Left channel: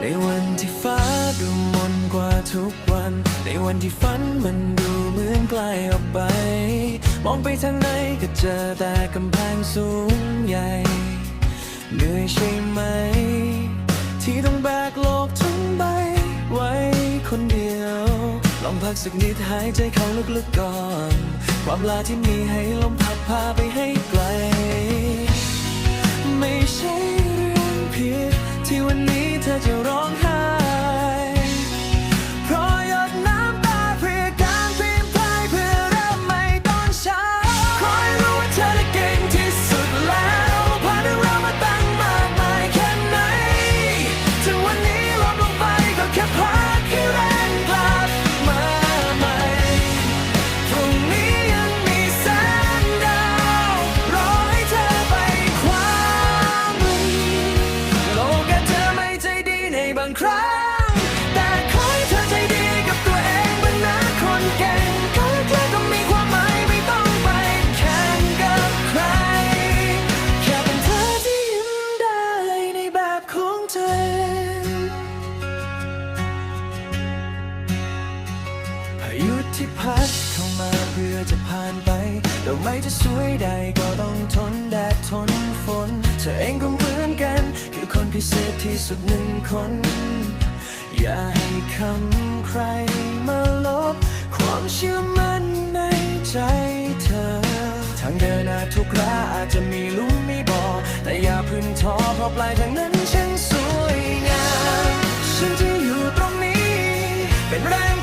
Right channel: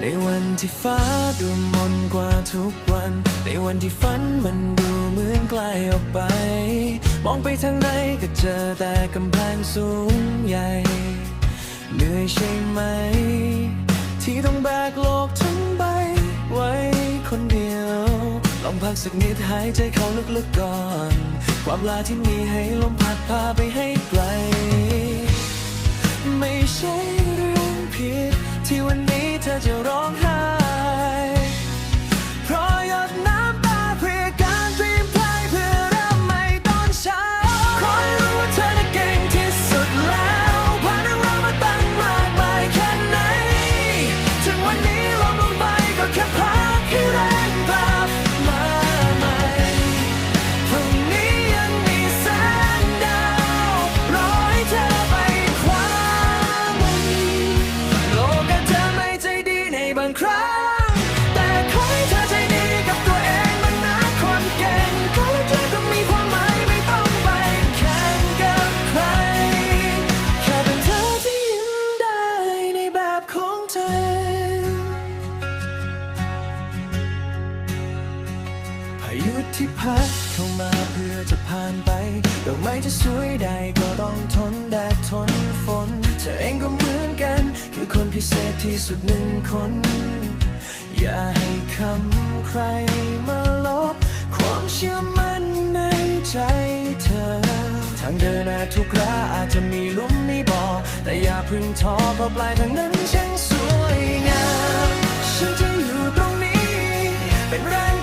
ในวันที่ฟ้าดูมนกว่าทุกวัน ในวันที่ฝันมันดูเหมือนไกลออกไป มองไปทางไหนก็เจอแต่กำแพงสูงใหญ่ เหนื่อยใช่ไหม ที่ต้องแบกโลกทั้งใบ ไว้คนเดียว ลองพักสักนิดหายใจเข้าลึกๆก่อน ความลาที่มีให้ลมพัดพาไปให้ไกล ไม่ใช่เรื่องผิด ที่วันนี้เธอจะร้องไห้างครั้ง แต่ขอให้เธอใจดีกับตัวเองบ้างนะคนเก่งก็เธอก็มีความหมายไม่ต้องไปแข่งกับใคร แค่เป็นเธอที่ยิ้มได้ในแบบของเธอ พายุที่พัดเข้ามาเพื่อจะผ่านไปดอกไม้จะสวยได้ก็ต้องทนแดดทนฝน เธอเองก็ คือคนพิเศษที่สุดหนึ่งคน อย่าให้คำใครมาลบ ความเชื่อมั่นในใจเธอ ทางเดินอาจทุกราอาจจะมีลุมมีบ่อ แต่อย่าพึ่งท้อเพราะปลายทางนั้นช่างสวยงาม ฉันจะอยู่ตรงนี้ เป็นแรง